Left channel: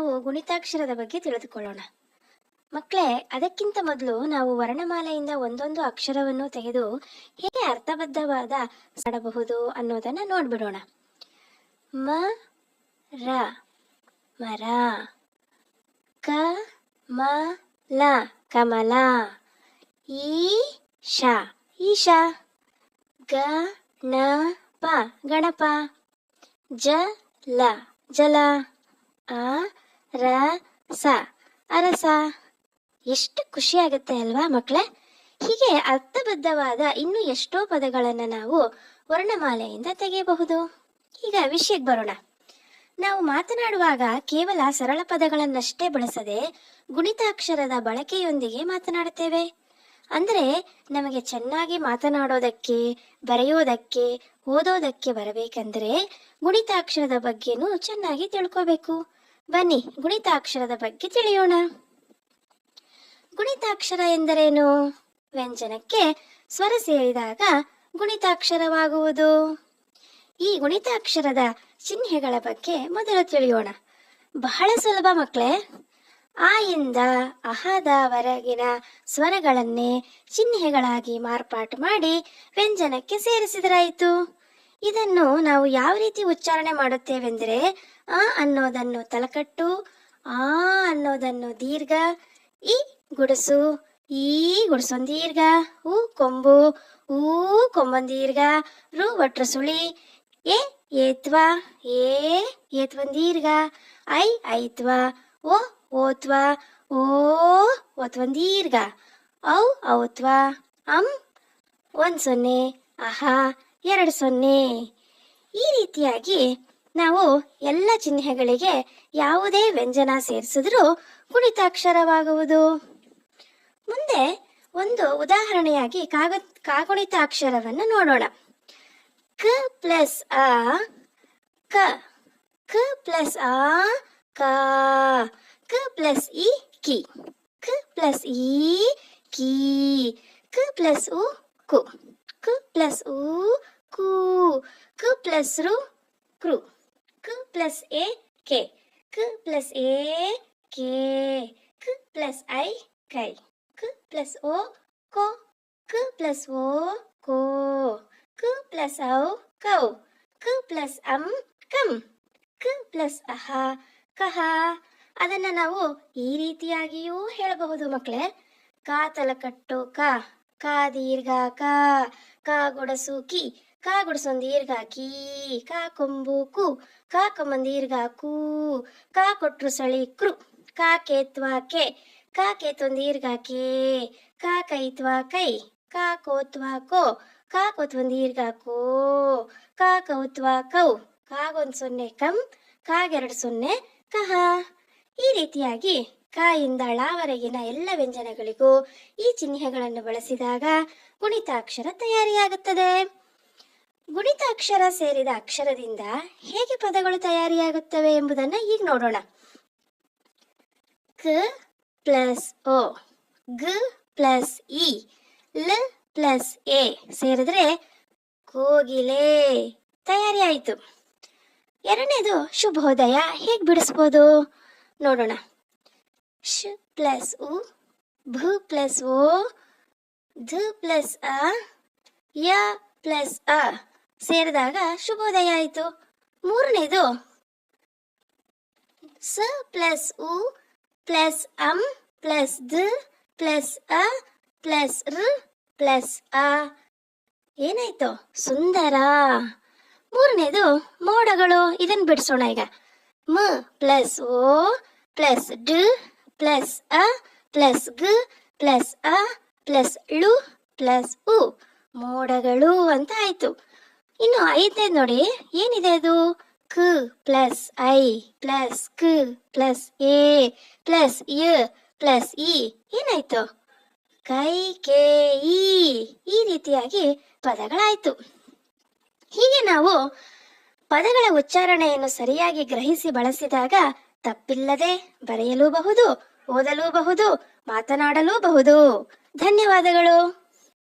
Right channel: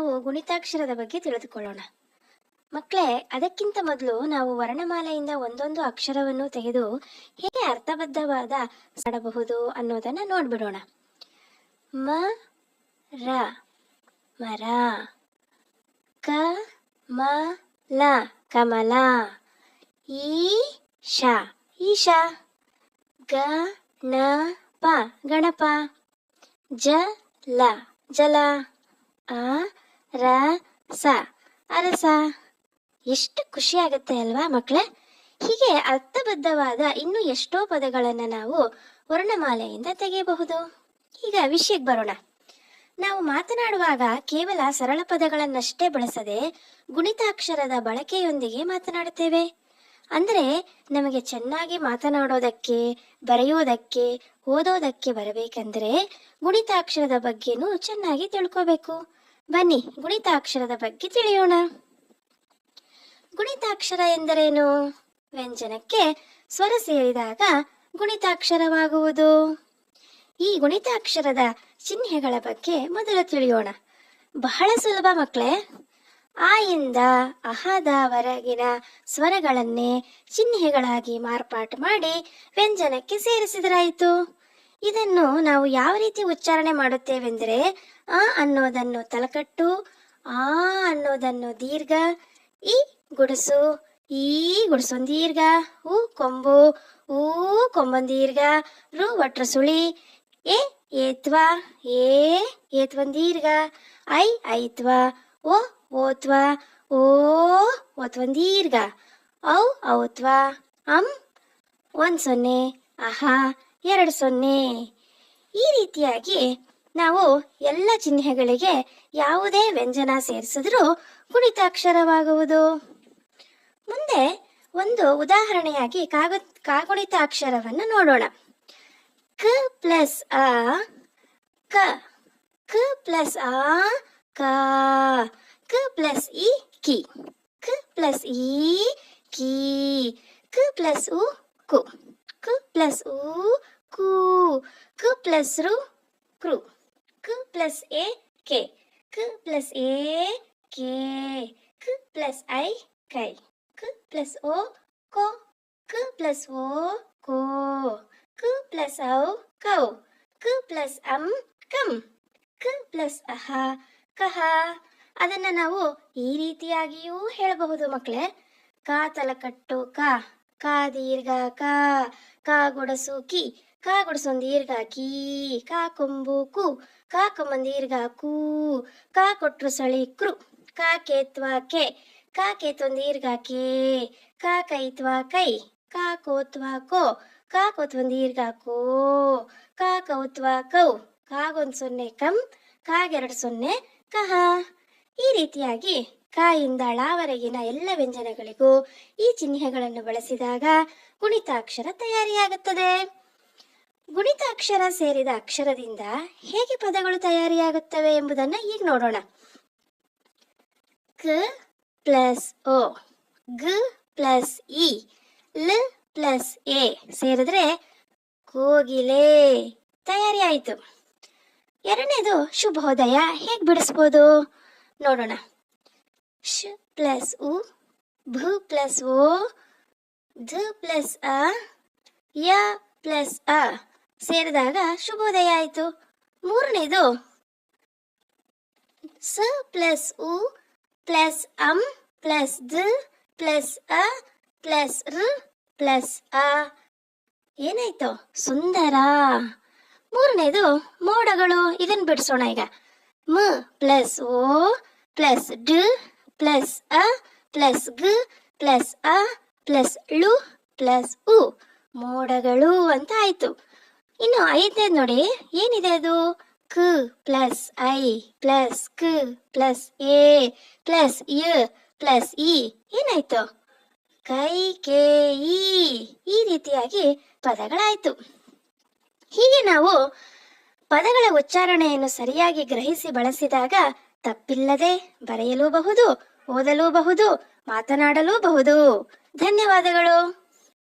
ನಾವು ಗುಣಿತಾಕ್ಷರದ ಬಗ್ಗೆ ತಿಳಿದುಕೊಳ್ಳೋಣ. ಮಕ್ಕಳೇ, ಅದಕ್ಕಿಂತ ಮೊದಲು ನಾವು ವರ್ಣಮಾಲೆಯಿಂದ ಒಂದೊಂದು ಅಕ್ಷರವನ್ನು ತೆಗೆದು ಹೇಗೆ ಅರ್ಥಬದ್ಧವಾದ ಮಾಡಬಹುದು ಅನ್ನೋದನ್ನ ನೋಡ್ಬಿಡೋಣ. ಮ ರ ಮರ, ಕ ಮ ಲ ಕಮಲ, ಈಶ ಈಶ, ಗ ಣ ಪ ಗಣಪ, ಜಲ ಜಲ, ಅ ರ ಸ ಅರಸ. ಎಷ್ಟು ಖುಷಿ ಆಗುತ್ತೆ ಅಲ್ವಾ ಮಕ್ಕಳೇ? ಹೀಗೆ ಅರ್ಥಬದ್ಧವಾದ ಇನ್ನೂ ಎಷ್ಟೋ ಪದಗಳನ್ನು ನಾವು ವರ್ಣಮಾಲೆಯಿಂದ ತೆಗೆಯಬಹುದು. ಈಗ ವಿಷಯಕ್ಕೆ ಬರೋಣ. ನಾವು ಮಾತನಾಡುವಾಗ ಕೇವಲ ಸರಳ ಪದಗಳನ್ನಷ್ಟೇ ಬಳಸದೆ ಗುಣಿತಾಕ್ಷರದ ಬಳಕೆಯೊಂದಿಗೆ ಮಾತನಾಡುತ್ತೇವೆ. ಅಂದರೆ ನಮಗೆ ಚೆನ್ನಾಗಿ ಮಾತನಾಡೋದಕ್ಕೆ, ಬರೆಯೋದಕ್ಕೆ, ಓದೋದಕ್ಕೆ ಬರಬೇಕಂದ್ರೆ ಗುಣಿತಾಕ್ಷರದ ಬಗ್ಗೆನೂ ಚೆನ್ನಾಗಿ ತಿಳ್ಕೋಬೇಕು. ಬನ್ನಿ ಗುಣಿತಾಕ್ಷರದ ಬಗ್ಗೆ ತಿಳಿಯೋಣ. ಗುಣಿತಾಕ್ಷರ ಎಂದರೇನು? ವ್ಯಂಜನಕ್ಕೆ ಸ್ವರ ಸೇರಿದಾಗ ಗುಣಿತಾಕ್ಷರವಾಗುವುದು. ಈ ಗುಣಿತಾಕ್ಷರದ ಚಿಹ್ನೆಗಳ ಬಗ್ಗೆ ಮೊದಲು ತಿಳಿಯೋಣ. ಬಹಳ ಸುಲಭ ಮಕ್ಕಳೇ. ಆ ಇಂದ ಅಹದವರೆಗಿನ ಸ್ವರಗಳನ್ನೇ ಚಿಹ್ನೆಗಳಾಗಿ ಮಾರ್ಪಾಟು ಮಾಡಿ ವ್ಯಂಜನಕ್ಕೆ ಸೇರಿಸಿದರಾಯಿತು. ಇದನ್ನು ನಾವು ಯಾವ ರೀತಿ ಉಚ್ಚಾರಣೆ ಮಾಡುತ್ತೇವೆಂದರೆ, ಆ ಅನ್ನೋದನ್ನು ತಲಕಟ್ಟು, ಆ ಅನ್ನೋದನ್ನು ದೀರ್ಘ, ಈ ಗುಡಸು, ಈ ಗುಡಸೊಂದು ದೀರ್ಘ, ಉ ಕೊಂಬು, ಊ ಕೊಂಬೊಂದು ದೀರ್ಘ, ರು ಒಟ್ರ ಸುಳಿ, ಎ ಏತ್ವ, ಏ ಏತ್ವಂದು ದೀರ್ಘ, ಐ ಐತ್ವ, ಓ ಓತ್ವ, ಓ ಓತ್ವಂದು ದೀರ್ಘ, ಔ ಔತ್ವ, ಒಂದು ಸೊನ್ನೆ, ಅಹ 2 ಸೊನ್ನೆ. ಈ ರೀತಿಯಾಗಿ ನಾವು ಎಲ್ಲ ಚಿಹ್ನೆಗಳಿಗೆ ಯಾವುದೇ ವ್ಯಂಜನ ಸೇರಿಸಿದ್ರೂ ಗುಣಿತಾಕ್ಷರವಾಗುವುದು. ಮುಂದೆ ಒಂದು ಉದಾಹರಣೆಯಾಗಿ ಕಾಗುಣಿತಾಕ್ಷರವನ್ನು ನೋಡೋಣ. ಕ ಪ್ಲಸ್ ಅ ಕ, ಕ ಪ್ಲಸ್ ಅ ಕ, ಕ ಪ್ಲಸ್ ಇ ಕಿ, ಕ ಪ್ಲಸ್ ಇ ಕಿ, ಕ ಪ್ಲಸ್ ಉ ಕು, ಕ ಪ್ಲಸ್ ಉ ಕು, ಕ ಪ್ಲಸ್ ರು ಕ್ರು, ಕ ಪ್ಲಸ್ ಎ ಕೆ, ಕ ಪ್ಲಸ್ ಎ ಕೆ, ಕ ಪ್ಲಸ್ ಐ ಕೈ, ಕ ಪ್ಲಸ್ ಓ ಕೋ, ಕ ಪ್ಲಸ್ ಓ ಕೋ, ಕ ಪ್ಲಸ್ ಔ ಕೌ, ಕ ಪ್ಲಸ್ ಕಂ, ಕ ಪ್ಲಸ್ ಅಹ ಕಹ. ಅದನ್ನ ನಾವು ಈ ರೀತಿಯಾಗಿಯೂ ಹೇಳಬಹುದು ಮಕ್ಕಳೇ. ಕ ತಲಕಟ್ಟು ಕ, ಕ ದೀರ್ಘ ಕ, ಕ ಗುಡಸು ಕಿ, ಕ ಗುಡಸೊಂದು ದೀರ್ಘ ಕೀ, ಕ ಕೊಂಬು ಕು, ಕ ಕೊಂಬೊಂದು ದೀರ್ಘ ಕು, ಕ ಕೊಟ್ರು ಸಳಿ ಕೃ, ಕ ಕೇತ್ವ ಕೆ, ಕ ಕೇತ್ವೊಂದು ದೀರ್ಘ ಕೇ, ಕ ಕೈತ್ವ ಕೈ, ಕ ಕೋತ್ವ ಕೋ, ಕ ಕೋತ್ವಂದು ದೀರ್ಘ ಕೋ, ಕ ಕೌತ್ವ ಕೌ, ಕಾಗೊಂದು ಸೊನ್ನೆ ಕಂ, ಕಾಗೆರಡು ಸೊನ್ನೆ ಕಹ. ಈ ರೀತಿಯಾಗಿ ಕ ಇಂದ ಳವರೆಗಿನ ಎಲ್ಲ ವ್ಯಂಜನಗಳಿಗೂ ಈ ಚಿಹ್ನೆಗಳನ್ನು ಬಳಸಿದಾಗ ಗುಣಿತಾಕ್ಷರ ತಯಾರಿಯಾಗುತ್ತದೆ. ಗುಣಿತಾಕ್ಷರ ಸೇರಿದ ಅಕ್ಷರದಿಂದ ಹೇಗೆ ಪದಗಳು ತಯಾರಿಯಾಗುತ್ತವೆ ಎಂಬುದನ್ನು ಈಗ ನೋಡೋಣ. ಕ ಪ್ಲಸ್ ಓ, ಗ ಪ್ಲಸ್ ಇ, ಲ ಪ್ಲಸ್ ಎ ಸೇರಿದ್ರೆ ಕೋಗಿಲೆ ತಯಾರಿಯಾಯಿತು. ಎರಡನೇದು ಶುಭೋದಯ ಹೇಗೆ ಬಿಡಿಸ್ಬೋದು ನೋಡೋಣ. ಶ ಪ್ಲಸ್ ಉ, ಭ ಪ್ಲಸ್ ಓ, ಧ ಪ್ಲಸ್ ಅ, ಯ ಪ್ಲಸ್ ಅ ಸೇರಿದಾಗ ಶುಭೋದಯ ಆಯಿತು. ಮೂರನೇದು ಸ ಪ್ಲಸ್ ಉ ಪ್ಲಸ್ ಪ್ಲಸ್ ದ ಪ್ಲಸ್ ಅ ಪ್ಲಸ್ ರ ಪ್ಲಸ್ ಅ ಏನಾಯ್ತು? ಸುಂದರ. ಮೂರನೇದು ಮೋಡಗಳು. ಇದನ್ನು ಬಿಡಿಸೋಣ ಈಗ. ಮ ಪ್ಲಸ್ ಓ ಪ್ಲಸ್ ಡ ಪ್ಲಸ್ ಅ ಪ್ಲಸ್ ಗ ಪ್ಲಸ್ ಅ ಪ್ಲಸ್ ಳು ಪ್ಲಸ್ ಉ, ಮೋಡಗಳು ಅಂತ ಆಯ್ತು. ಇನ್ನು ಐದನೇದು ನೋಡಿ, ಏನಿದೆ ಅದು? ಕ ಪ್ಲಸ್ ಐ ಪ್ಲಸ್ ಕ ಪ್ಲಸ್ ಎ ಪ್ಲಸ್ ಯ ಪ್ಲಸ್ ಇ, ಏನಾಯ್ತು? ಕೈ ಕೆ ಇ. ಈ ರೀತಿಯಾಗಿ ಪದಗಳಾಯ್ತು. ಹೀಗೆ ನಾವು ಪದಗಳ ಉಚ್ಚಾರಣೆಯನ್ನು ಸರಿಯಾಗಿ ಗ್ರಹಿಸಿ ಬಳಸಿದಾಗ ತಪ್ಪಿಲ್ಲದೆ ಬರೆಯಲೂಬಹುದು, ಓದಲೂಬಹುದು, ಮಾತನಾಡಲೂಬಹುದು. ಧನ್ಯವಾದಗಳು.